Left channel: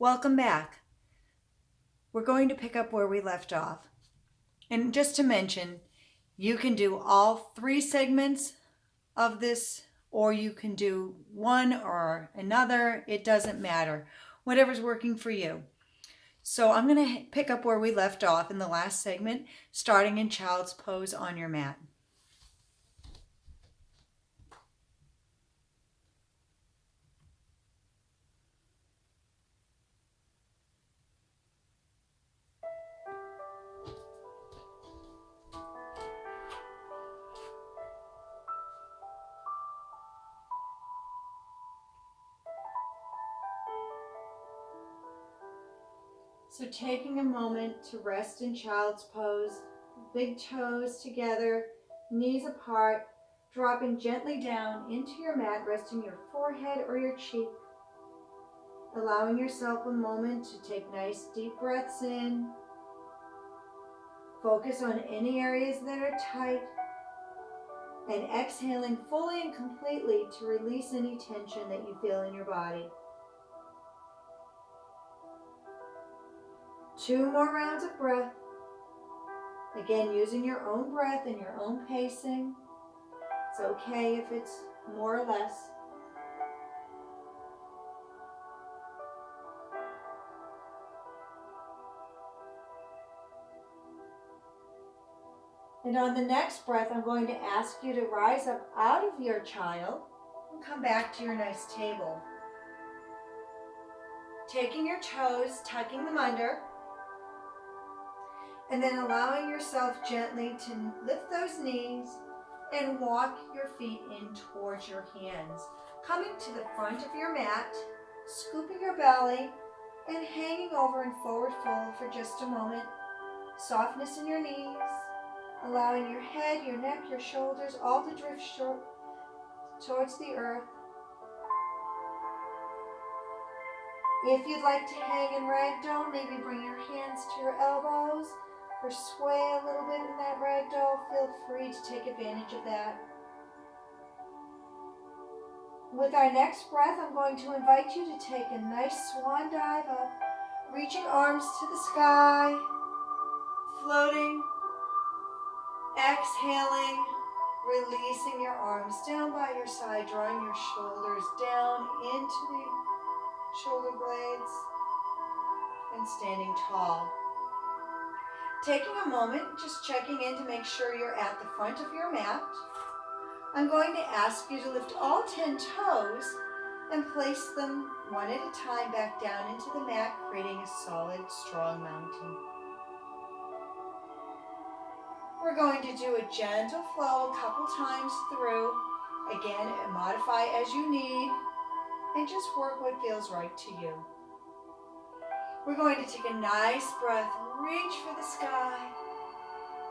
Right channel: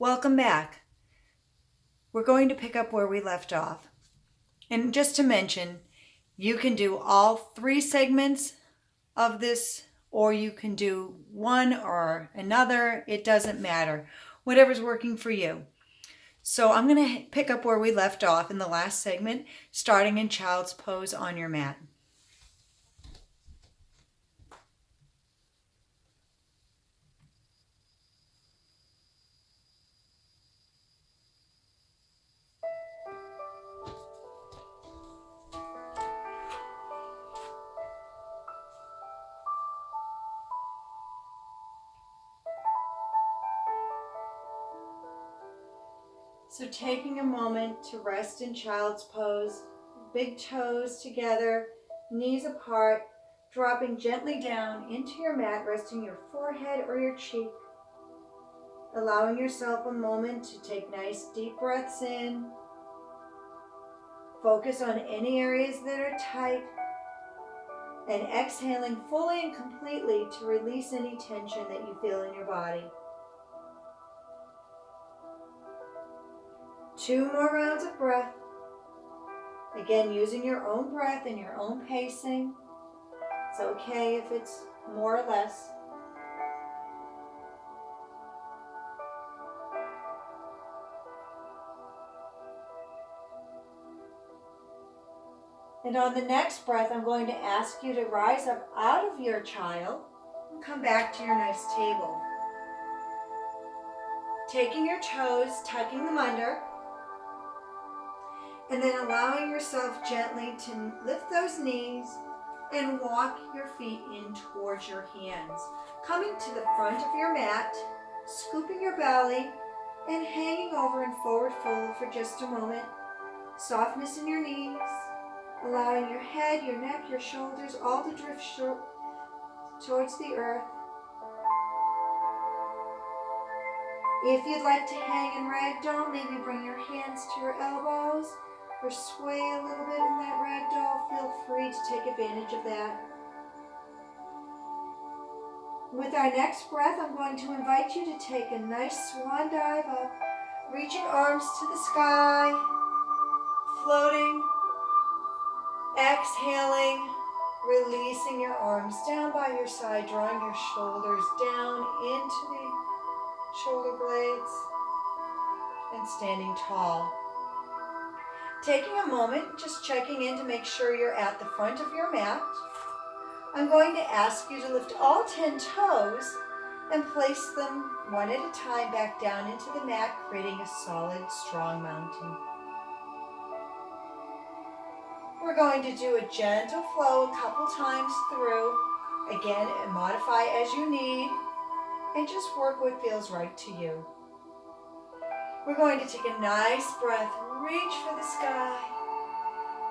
Welcome back. We're going to pick up where we left off. And just to mention, you can do all 3 segments of this, or you can do one or another. It doesn't matter. Whatever's working for you. So I'm going to pick up where we left off in the last segment, starting in child's pose on your mat. So taking a moment to rest in child's pose, big toes together, knees apart, dropping gently down into your mat, resting your forehead or your cheek, allowing yourself a moment to take nice deep breaths in, focus on any areas that are tight, and exhaling fully and completely to release any tension that you feel in your body. 2 more rounds of breath. Again, using your own breath and your own pacing. It's okay if it's more or less. And on the next breath, I'm going to ask you to rise up out of your child and come back to your nice table. Taking your toes, tucking them under, and then allowing yourself gently to lift those knees and walk your feet in towards your hands. Coming to the front of your mat, scooping your belly, and hanging over in forward fold for just a moment. Softness in your knees, allowing your head, your neck, your shoulders all to drift towards the earth. If you'd like to hang in ragdoll, maybe bring your hands to your elbows or sway a little bit in that ragdoll. Feel free to take advantage of that. With our next breath, I'm going to invite you to take a nice swan dive up, reaching arms to the sky, floating, exhaling, releasing your arms down by your side, drawing your shoulders down into the shoulder blades, and standing tall. Taking a moment, just checking in to make sure you're at the front of your mat. I'm going to ask you to lift all 10 toes and place them one at a time back down into the mat, creating a solid, strong mountain. We're going to do a gentle flow a couple times through. Again, modify as you need, and just work what feels right to you. We're going to take a nice breath, reach for the sky.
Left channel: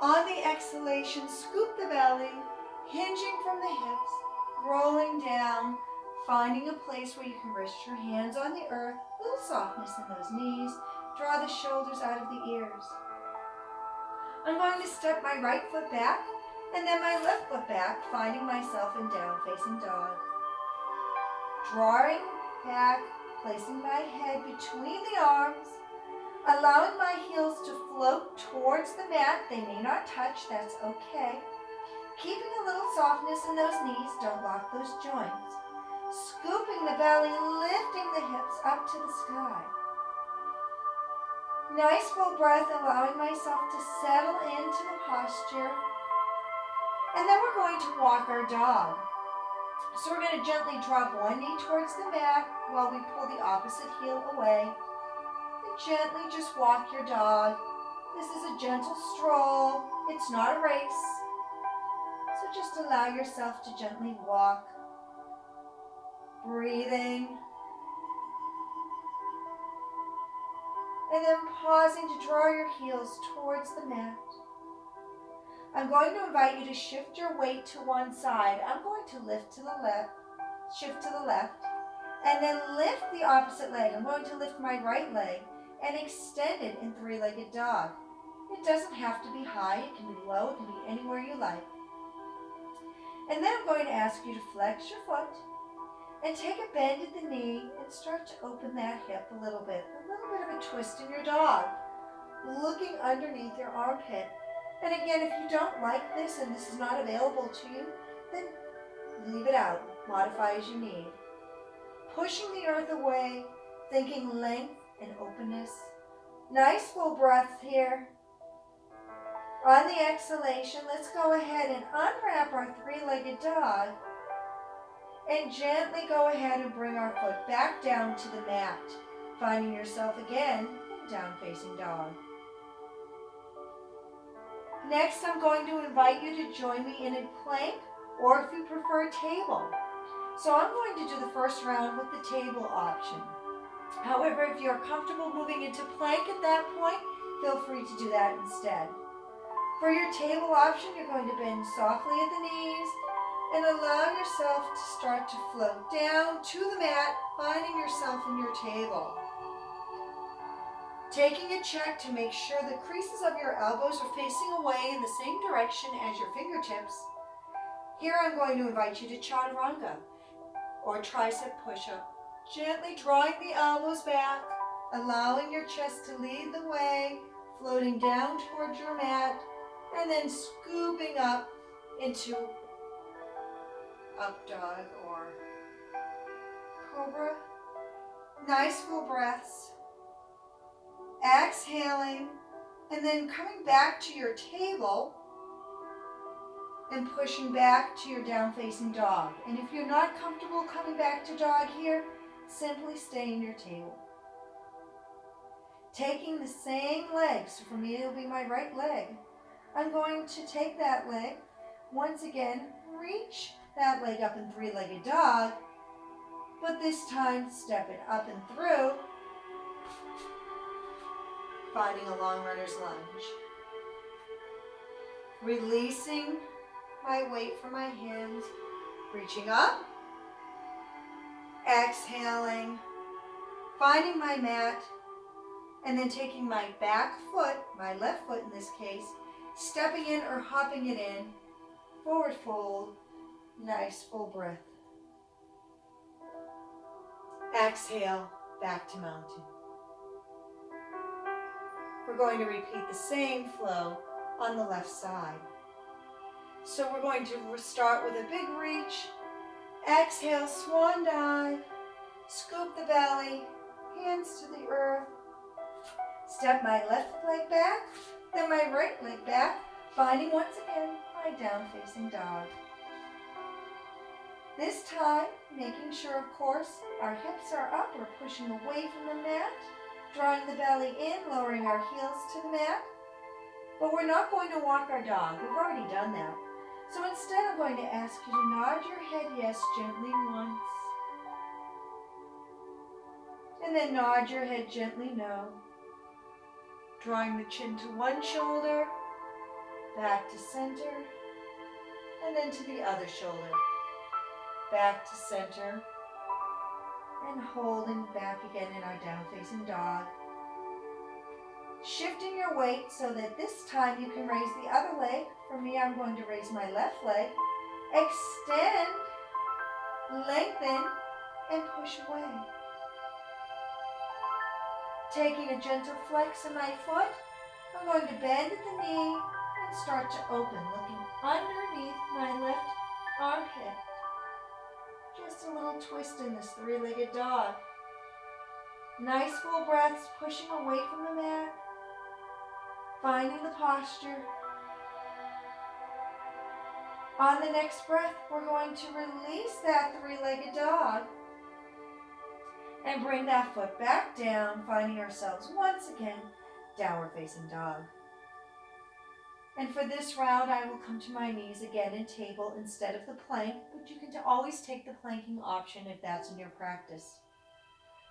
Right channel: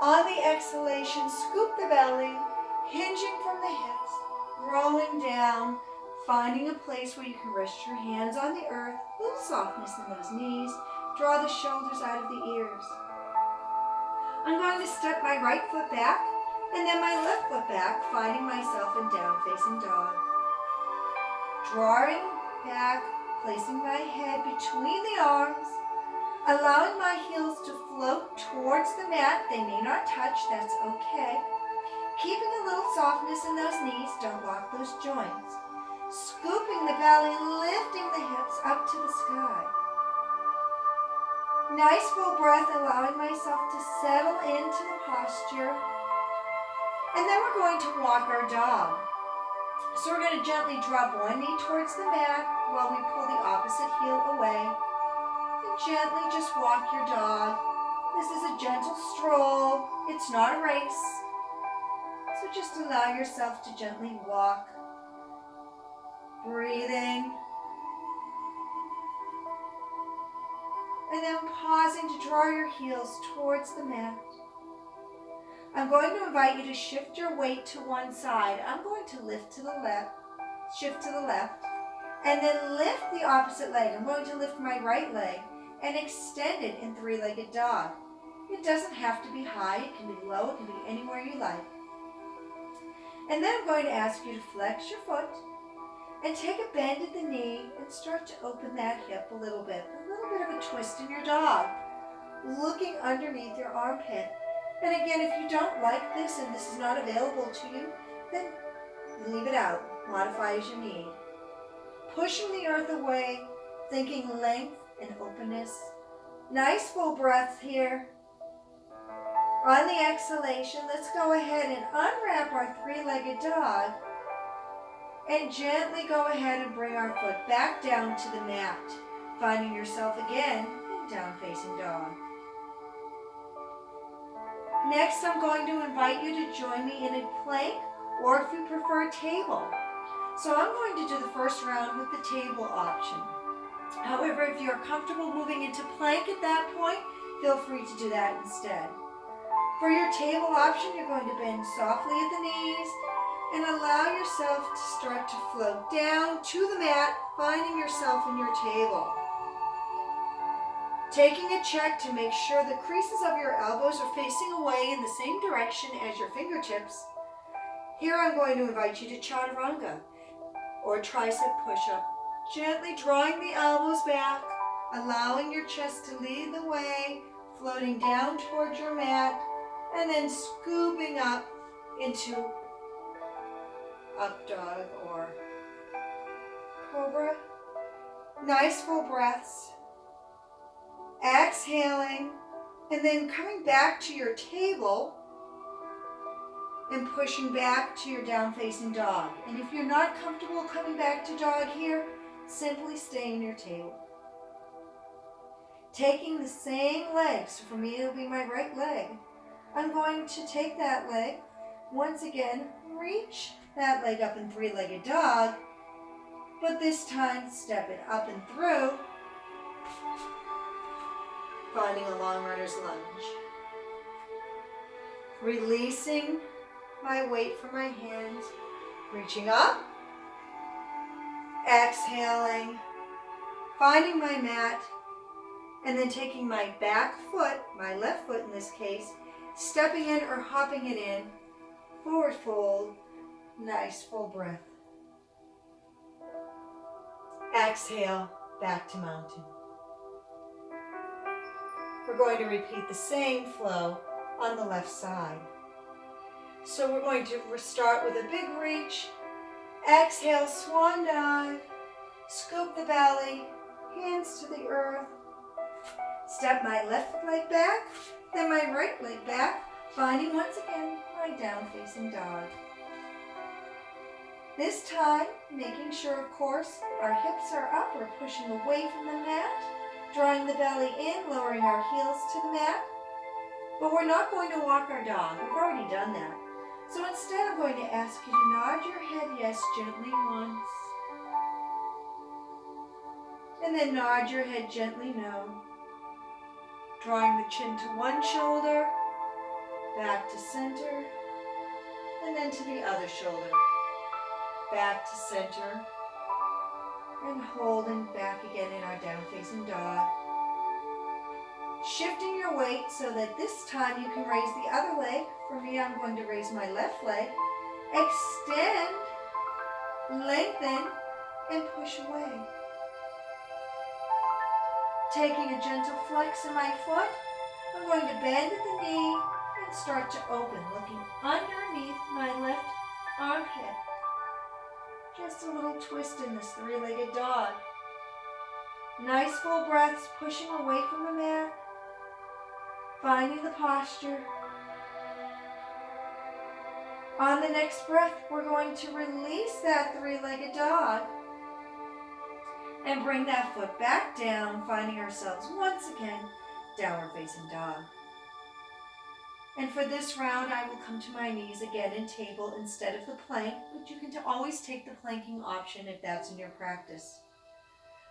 On the exhalation, scoop the belly, hinging from the hips, rolling down, finding a place where you can rest your hands on the earth, a little softness in those knees, draw the shoulders out of the ears. I'm going to step my right foot back and then my left foot back, finding myself in down facing dog. Drawing back, placing my head between the arms, allowing my heels to float towards the mat. They may not touch, that's okay. Keeping a little softness in those knees, don't lock those joints. Scooping the belly, lifting the hips up to the sky. Nice full breath, allowing myself to settle into the posture. And then we're going to walk our dog. So we're going to gently drop one knee towards the mat while we pull the opposite heel away. And gently just walk your dog. This is a gentle stroll. It's not a race. So just allow yourself to gently walk. Breathing. And then pausing to draw your heels towards the mat. I'm going to invite you to shift your weight to one side. I'm going to lift to the left, shift to the left, and then lift the opposite leg. I'm going to lift my right leg and extend it in three-legged dog. It doesn't have to be high, it can be low, it can be anywhere you like. And then I'm going to ask you to flex your foot and take a bend at the knee and and start to open that hip a little bit of a twist in your dog, looking underneath your armpit. And again, if you don't like this and this is not available to you, then leave it out, modify as you need. Pushing the earth away, thinking length and openness. Nice full breath here. On the exhalation, let's go ahead and unwrap our three-legged dog and gently go ahead and bring our foot back down to the mat, finding yourself again in down facing dog. Next, I'm going to invite you to join me in a plank, or if you prefer, table. So I'm going to do the first round with the table option. However, if you're comfortable moving into plank at that point, feel free to do that instead. For your table option, you're going to bend softly at the knees and allow yourself to start to float down to the mat, finding yourself in your table. Taking a check to make sure the creases of your elbows are facing away in the same direction as your fingertips. Here I'm going to invite you to chaturanga, or tricep push-up. Gently drawing the elbows back, allowing your chest to lead the way, floating down towards your mat, and then scooping up into up dog or cobra. Nice full breaths. Exhaling, and then coming back to your table and pushing back to your down facing dog. And if you're not comfortable coming back to dog here, simply stay in your table. Taking the same leg, so for me it'll be my right leg, I'm going to take that leg, once again, reach that leg up in three-legged dog, but this time step it up and through, finding a long runner's lunge. Releasing my weight from my hands, reaching up, exhaling, finding my mat, and then taking my back foot, my left foot in this case, stepping in or hopping it in, forward fold, nice full breath. Exhale, back to mountain. We're going to repeat the same flow on the left side. So we're going to start with a big reach. Exhale, swan dive. Scoop the belly, hands to the earth. Step my left leg back, then my right leg back, finding once again my down facing dog. This time, making sure, of course, our hips are up, we're pushing away from the mat, drawing the belly in, lowering our heels to the mat. But we're not going to walk our dog. We've already done that. So instead, I'm going to ask you to nod your head yes gently once. And then nod your head gently no. Drawing the chin to one shoulder, back to center, and then to the other shoulder. Back to center, and holding back again in our down facing dog. Shifting your weight so that this time you can raise the other leg. For me, I'm going to raise my left leg. Extend, lengthen, and push away. Taking a gentle flex in my foot, I'm going to bend at the knee and start to open, looking underneath my left armpit. Just a little twist in this three-legged dog. Nice full breaths, pushing away from the mat, finding the posture. On the next breath, we're going to release that three-legged dog and bring that foot back down, finding ourselves once again downward facing dog. And for this round, I will come to my knees again in table instead of the plank, but you can always take the planking option if that's in your practice.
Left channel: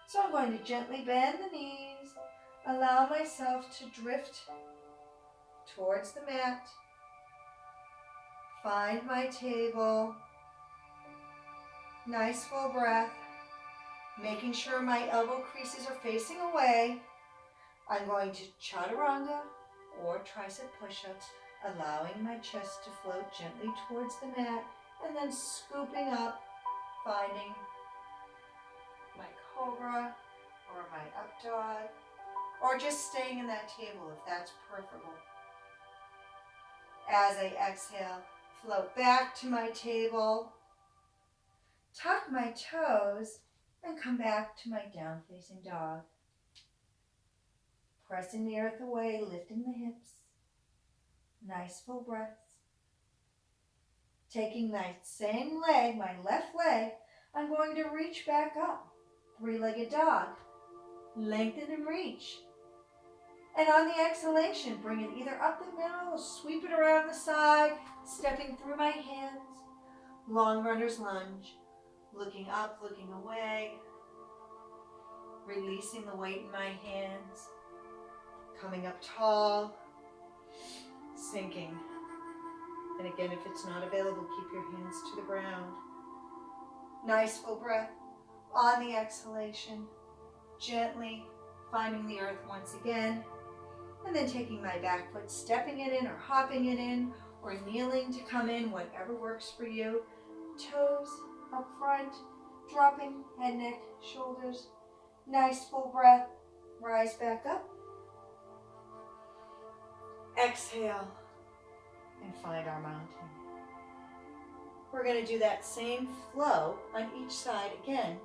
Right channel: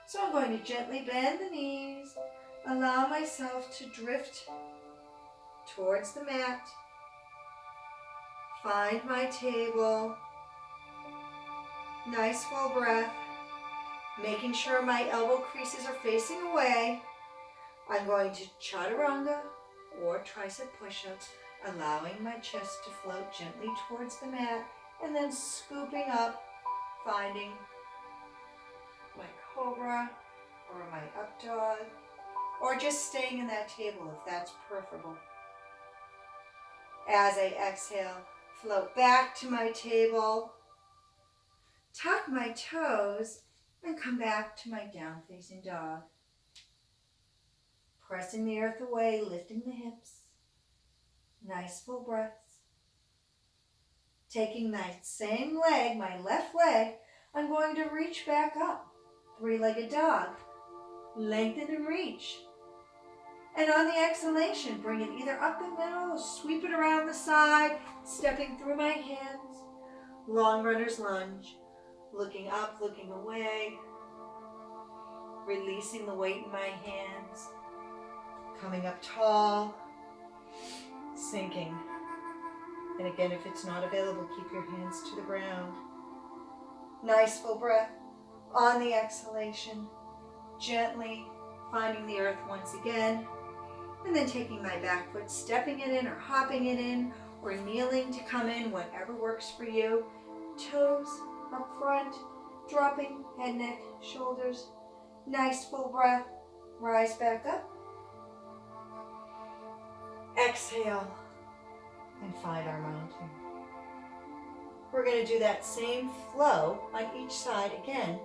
So I'm going to gently bend the knees, allow myself to drift towards the mat, find my table, nice full breath, making sure my elbow creases are facing away. I'm going to chaturanga or tricep push-up, allowing my chest to float gently towards the mat, and then scooping up, finding my cobra or my up dog, or just staying in that table if that's preferable. As I exhale, float back to my table, tuck my toes, and come back to my down facing dog. Pressing the earth away, lifting the hips. Nice full breaths. Taking that same leg, my left leg, I'm going to reach back up. Three-legged dog. Lengthen and reach. And on the exhalation, bring it either up the middle, sweep it around the side, stepping through my hands. Long runner's lunge. Looking up, looking away. Releasing the weight in my hands. Coming up tall. Sinking. And again, if it's not available, keep your hands to the ground. Nice full breath. On the exhalation, gently finding the earth once again. And then taking my back foot, stepping it in or hopping it in or kneeling to come in, whatever works for you. Toes up front, dropping head, neck, shoulders. Nice full breath. Rise back up. Exhale and find our mountain. We're going to do that same flow on each side again.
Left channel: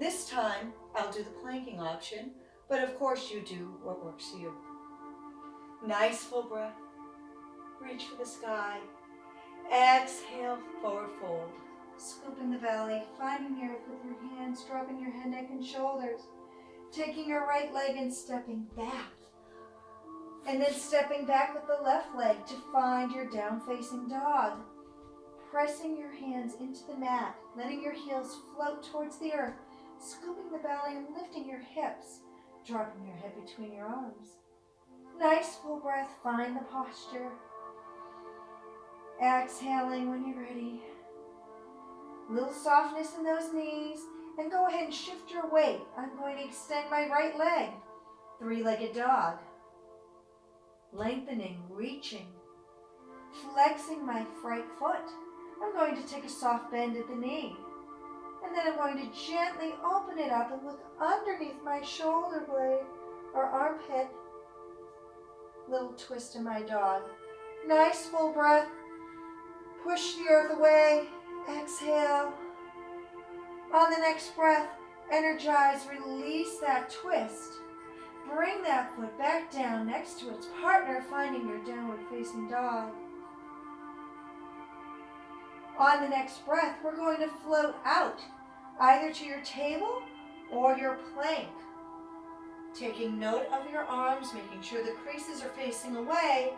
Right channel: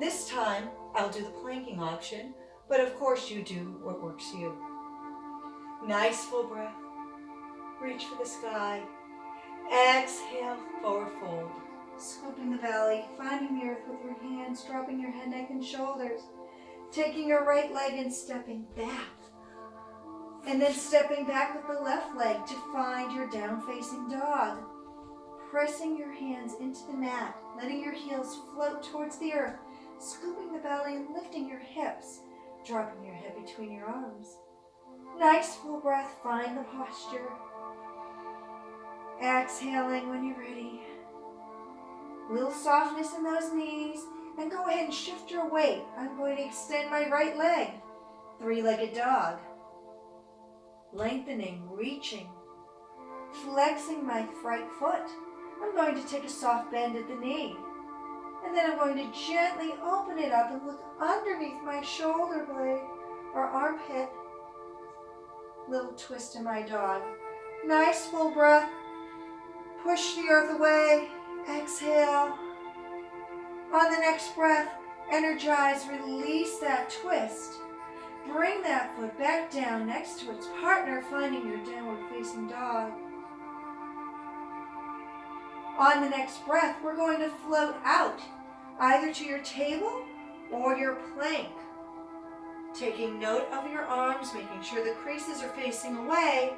This time I'll do the planking option, but of course you do what works for you. Nice full breath. Reach for the sky. Exhale, forward fold. Scooping the belly, finding the earth with your hands, dropping your head, neck, and shoulders. Taking your right leg and stepping back. And then stepping back with the left leg to find your down-facing dog. Pressing your hands into the mat, letting your heels float towards the earth, scooping the belly and lifting your hips, dropping your head between your arms. Nice full breath, find the posture. Exhaling when you're ready. Little softness in those knees, and go ahead and shift your weight. I'm going to extend my right leg, three-legged dog. Lengthening, reaching, flexing my right foot. I'm going to take a soft bend at the knee. And then I'm going to gently open it up and look underneath my shoulder blade or armpit. Little twist in my dog. Nice full breath. Push the earth away. Exhale. On the next breath, energize, release that twist. Bring that foot back down next to its partner, finding your downward facing dog. On the next breath, we're going to float out, either to your table or your plank. Taking note of your arms, making sure the creases are facing away,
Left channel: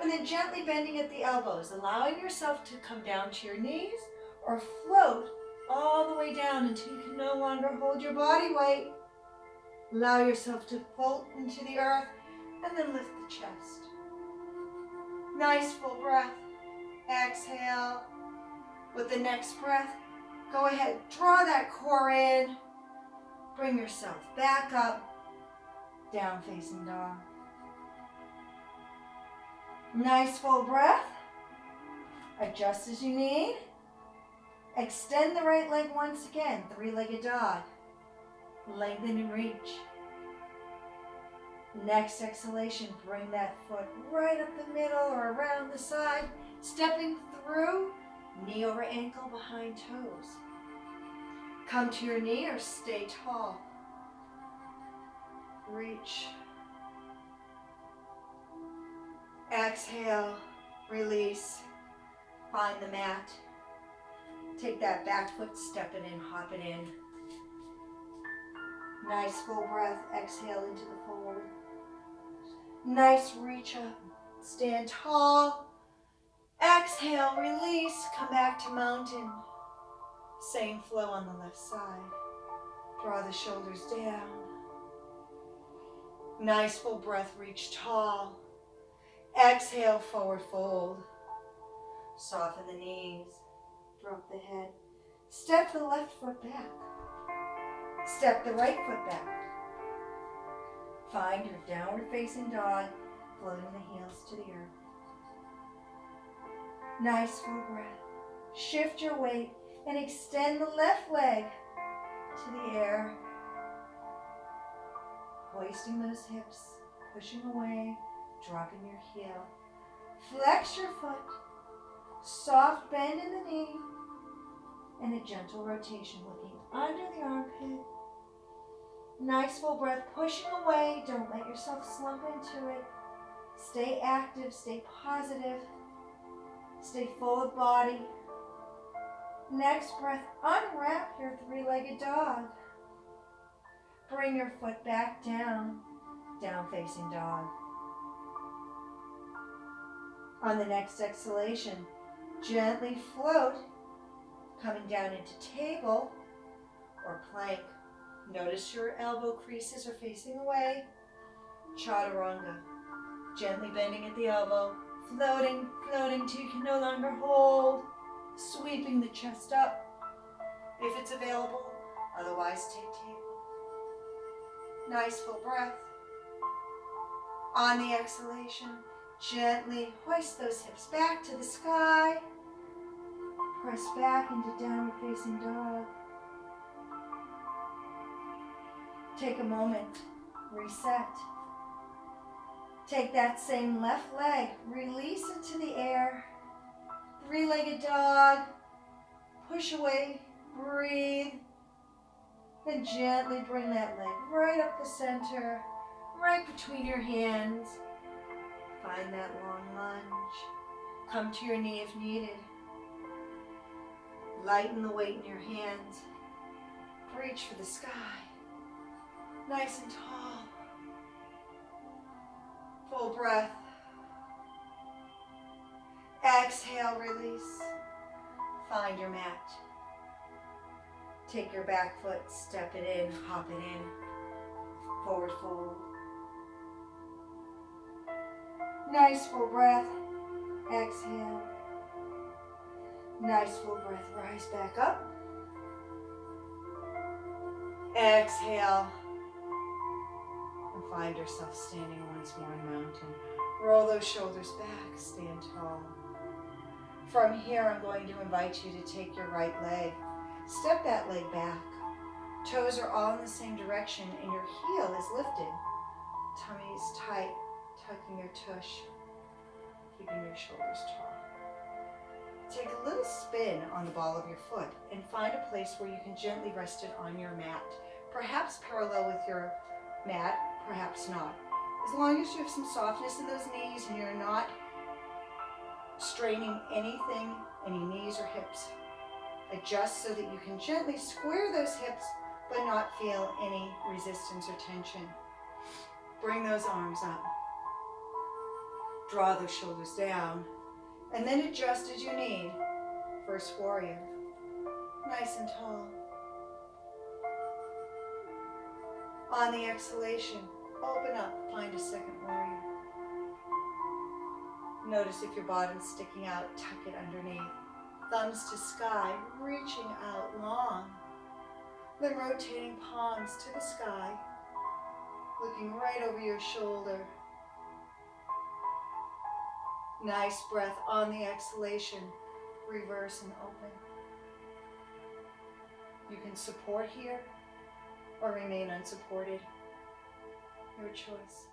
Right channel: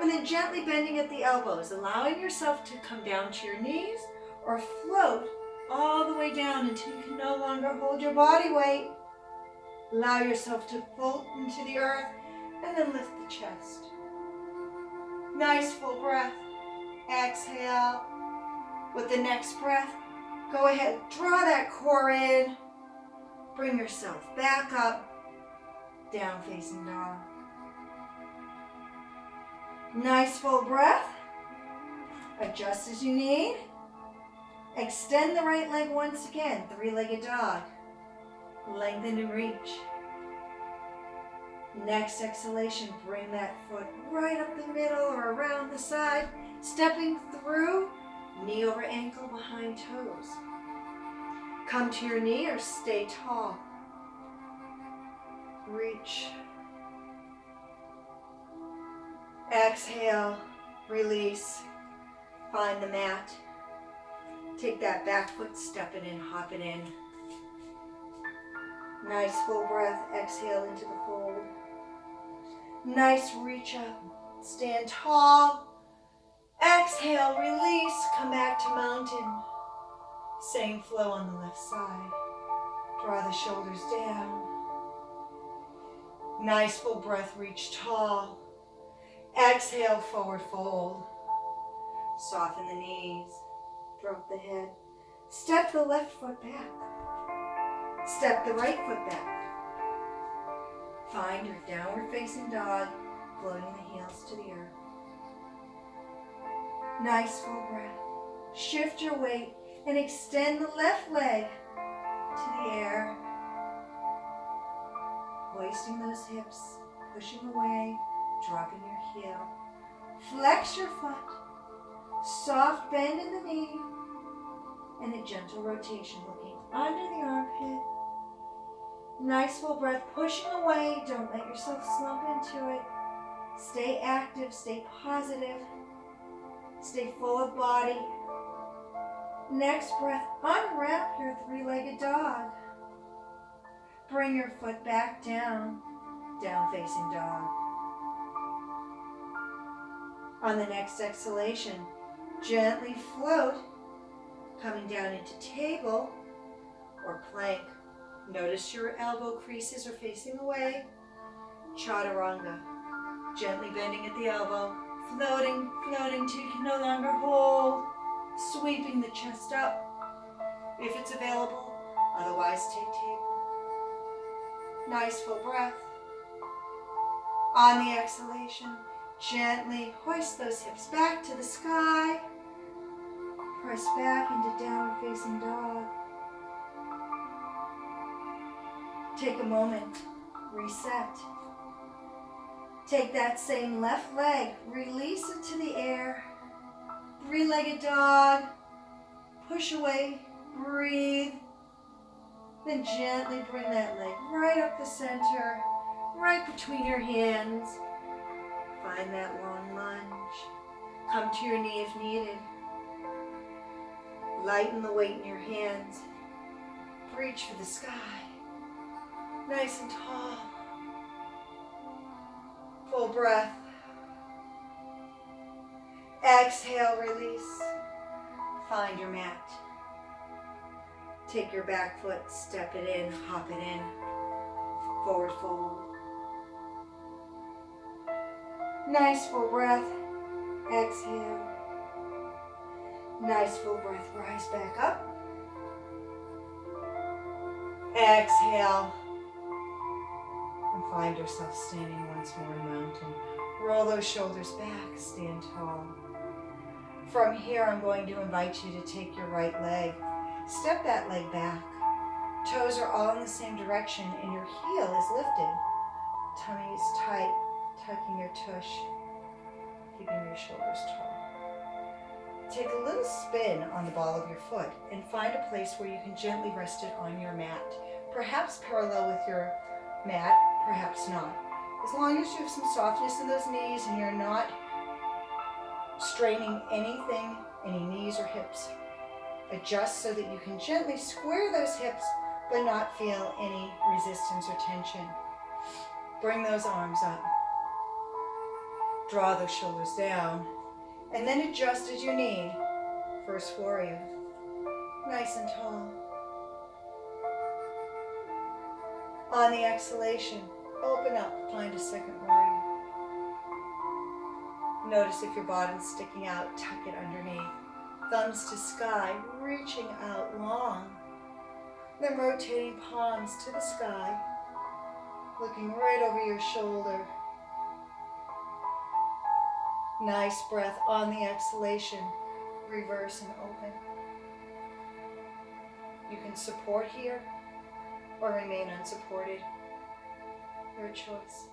and then gently bending at the elbows, allowing yourself to come down to your knees or float all the way down until you can no longer hold your body weight. Allow yourself to float into the earth and then lift the chest. Nice full breath. Exhale. With the next breath, go ahead, draw that core in. Bring yourself back up. Down facing dog. Nice full breath. Adjust as you need. Extend the right leg once again, three-legged dog. Lengthen and reach. Next exhalation, bring that foot right up the middle or around the side, stepping through, knee over ankle behind toes. Come to your knee or stay tall. Reach. Exhale, release, find the mat. Take that back foot, step it in, hop it in. Nice full breath, exhale into the fold. Nice reach up, stand tall. Exhale, release, come back to mountain. Same flow on the left side. Draw the shoulders down. Nice full breath, reach tall. Exhale, forward fold. Soften the knees, drop the head. Step the left foot back. Step the right foot back. Find your downward facing dog, floating the heels to the earth. Nice full breath. Shift your weight and extend the left leg to the air. hoisting those hips, pushing away, dropping your heel. Flex your foot, soft bend in the knee, and a gentle rotation looking under the armpit. Nice full breath, pushing away. Don't let yourself slump into it. Stay active, stay positive, stay full of body. Next breath, unwrap your three-legged dog. Bring your foot back down, down facing dog. On the next exhalation, gently float, coming down into table or plank. Notice your elbow creases are facing away. Chaturanga. Gently bending at the elbow, floating, floating till you can no longer hold. Sweeping the chest up, if it's available. Otherwise, take table. Nice full breath. On the exhalation, gently hoist those hips back to the sky. Press back into downward facing dog. Take a moment, reset. Take that same left leg, release it to the air. Three-legged dog, push away, breathe. Then gently bring that leg right up the center, right between your hands. Find that long lunge. Come to your knee if needed. Lighten the weight in your hands. Reach for the sky. Nice and tall. Full breath. Exhale, release. Find your mat. Take your back foot, step it in, hop it in. Forward fold. Nice full breath. Exhale. Nice full breath. Rise back up. Exhale. And find yourself standing once more in mountain. Roll those shoulders back. Stand tall. From here, I'm going to invite you to take your right leg. Step that leg back. Toes are all in the same direction and your heel is lifted. Tummy is tight, tucking your tush, keeping your shoulders tall. Take a little spin on the ball of your foot and find a place where you can gently rest it on your mat. Perhaps parallel with your mat, perhaps not. As long as you have some softness in those knees and you're not straining anything, any knees or hips. Adjust so that you can gently square those hips but not feel any resistance or tension. Bring those arms up. Draw those shoulders down and then adjust as you need. First warrior. Nice and tall. On the exhalation, open up, find a second warrior. Notice if your bottom's sticking out, tuck it underneath. Thumbs to sky, reaching out long. Then rotating palms to the sky, looking right over your shoulder. Nice breath on the exhalation. Reverse and open. You can support here or remain unsupported. Your choice.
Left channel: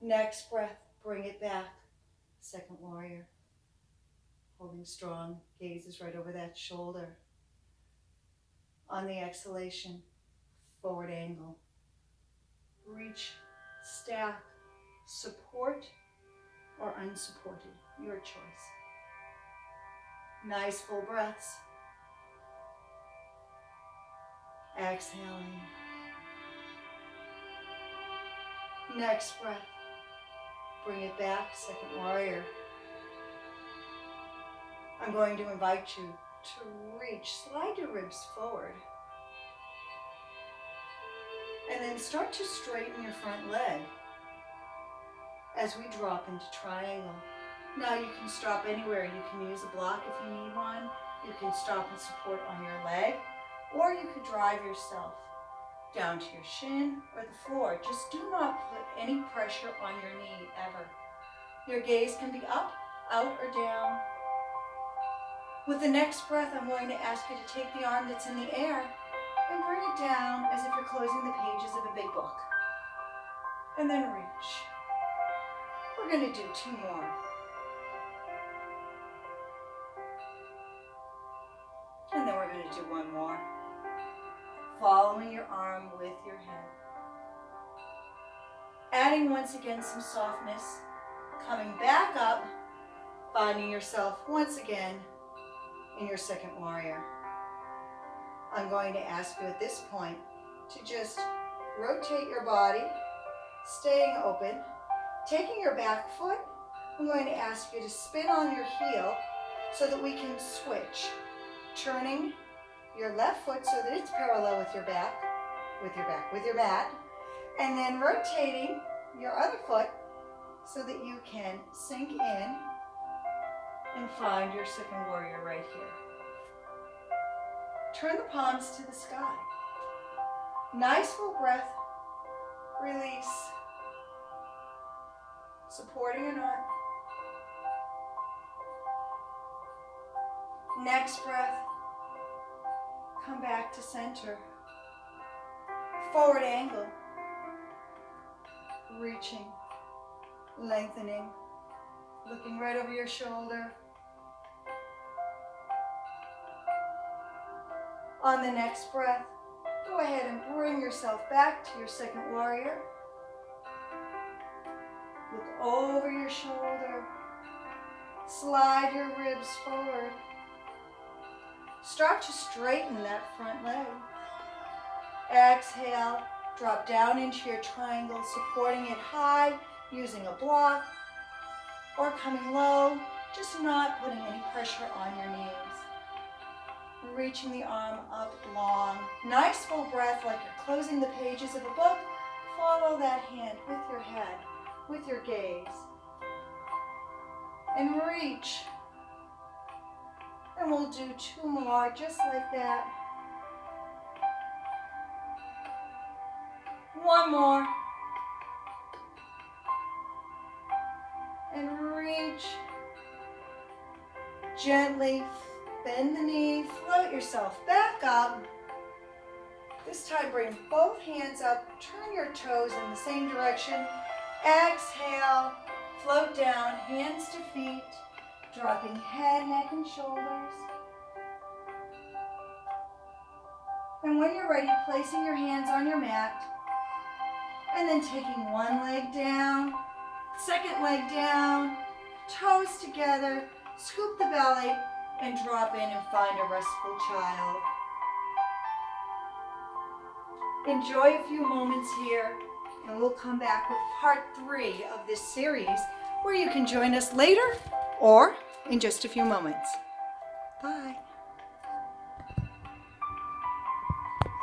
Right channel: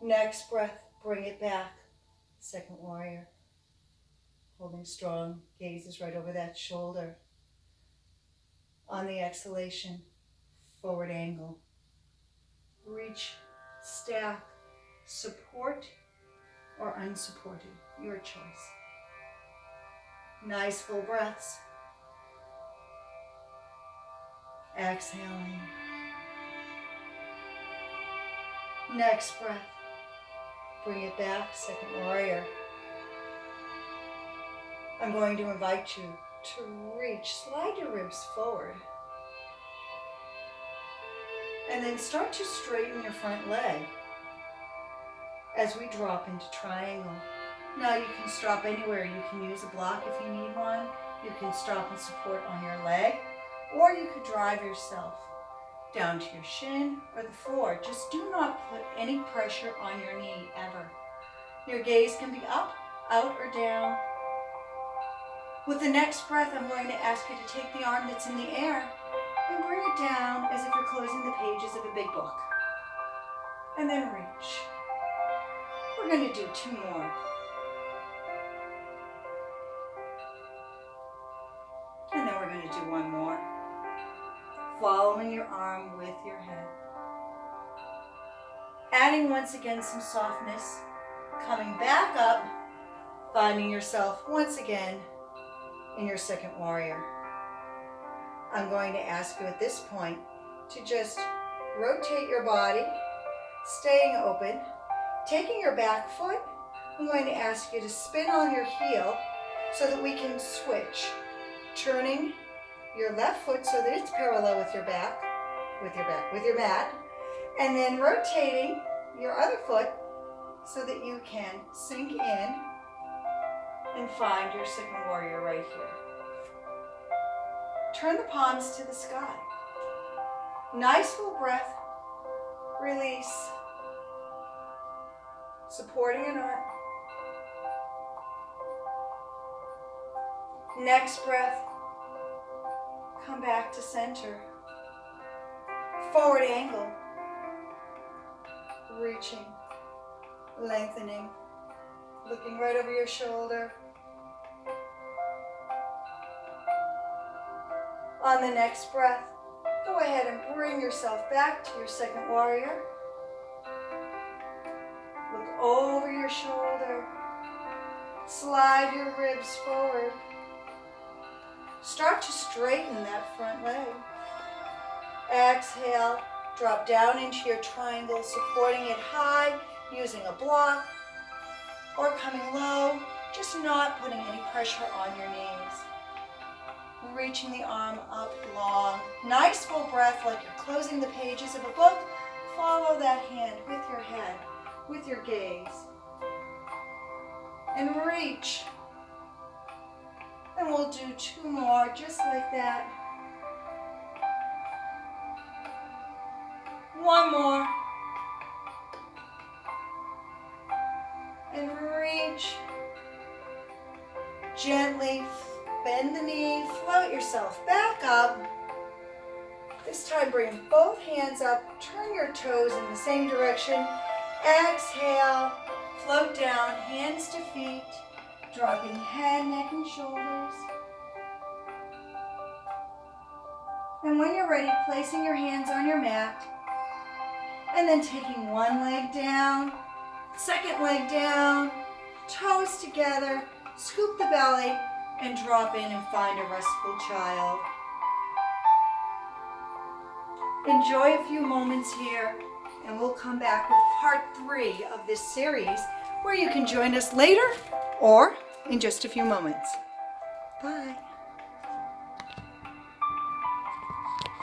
Next breath, bring it back. Second warrior. Holding strong, gaze is right over that shoulder. On the exhalation, forward angle. Reach, stack, support, or unsupported, your choice. Nice full breaths. Exhaling. Next breath. Bring it back, second warrior. I'm going to invite you to reach, slide your ribs forward. And then start to straighten your front leg as we drop into triangle. Now you can stop anywhere. You can use a block if you need one. You can stop and support on your leg, or you could drive yourself down to your shin or the floor. Just do not put any pressure on your knee ever. Your gaze can be up, out, or down. With the next breath, I'm going to ask you to take the arm that's in the air and bring it down as if you're closing the pages of a big book. and then reach. We're going to do 2 more. And then we're going to do 1 more. Following your arm with your head. Adding once again some softness. Coming back up, finding yourself once again in your second warrior. I'm going to ask you at this point to just rotate your body, staying open, taking your back foot. I'm going to ask you to spin on your heel so that we can switch, turning your left foot so that it's parallel with your mat, and then rotating your other foot so that you can sink in and find your second warrior right here. Turn the palms to the sky. Nice full breath. Release. Supporting an arm. Next breath. Come back to center. Forward angle. Reaching. Lengthening. Looking right over your shoulder. On the next breath, go ahead and bring yourself back to your second warrior. Look over your shoulder. Slide your ribs forward. Start to straighten that front leg. Exhale, drop down into your triangle, supporting it high, using a block, or coming low, just not putting any pressure on your knees. Reaching the arm up long. Nice full breath like you're closing the pages of a book. Follow that hand with your head, with your gaze. And reach. And we'll do 2 more just like that. 1 more. And reach. Gently bend the knee, float yourself back up. This time bring both hands up, turn your toes in the same direction. Exhale, float down, hands to feet, dropping head, neck, and shoulders. And when you're ready, placing your hands on your mat, and then taking one leg down, second leg down, toes together, scoop the belly, and drop in and find a restful child. Enjoy a few moments here, and we'll come back with part 3 of this series, where you can join us later or in just a few moments.